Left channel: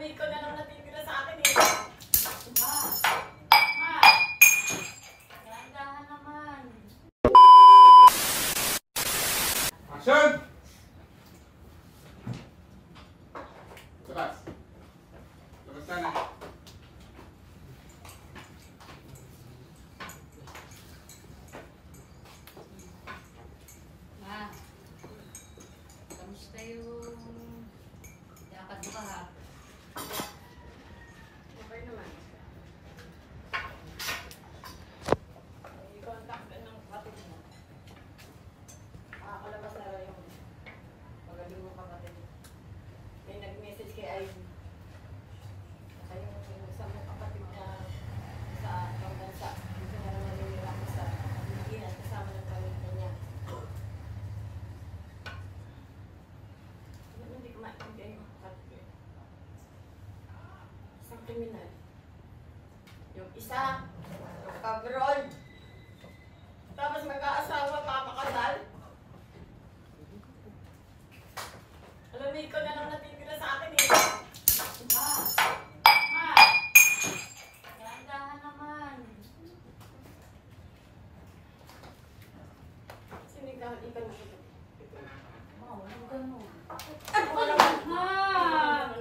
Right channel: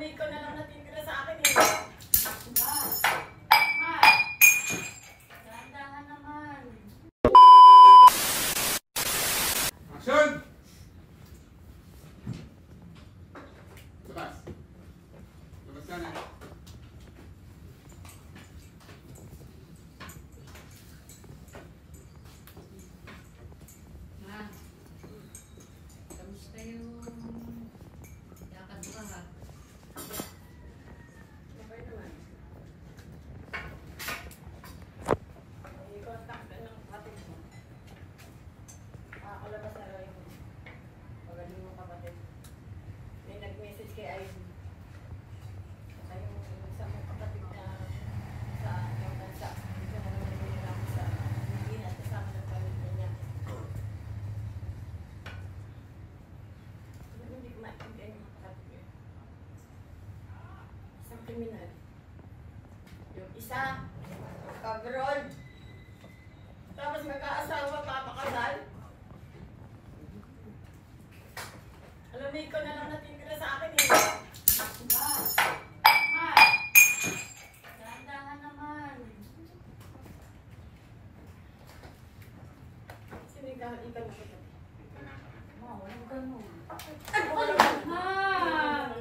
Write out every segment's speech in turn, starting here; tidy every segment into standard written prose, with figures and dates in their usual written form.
Alamig ko na lang natitira sa akin eh. Ma! Ma! Dahan-dahan naman. Action! Labas. Labas ka na. Ma! Kamusta yung lakad mo ka ha? Okay naman. I-contact ka ng kapatid mo. Makakalabas na raw yung pagaling mo kapatid. May nag-message kay Ivy. Saka yung isa mong kapatid na sa ibang bansa. Dito na naman nililaki sa Pilipinas kasama ng pamilya niya. Ano hindi ko maintindihan yung kapatid ko. Isang kriminal. Yung isa, yung kabroad. Tapos mag-aasawa, papakasal. Alamig ko na lang natitira sa akin eh. Ma! Ma! Dahan-dahan naman. Sinigahan-ikan mo ito. Ma, walang ganun. Ay, wala Ma!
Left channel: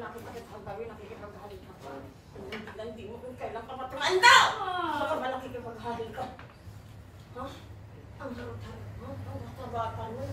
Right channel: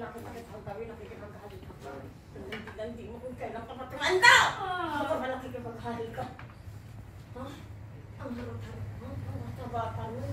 Nakikipag-halik ka. Hindi mo kung kailan ka matumanda! Baka malaki ka maghalik ka. Ha? Ang harap-harap mo. Ang bata-bata mo.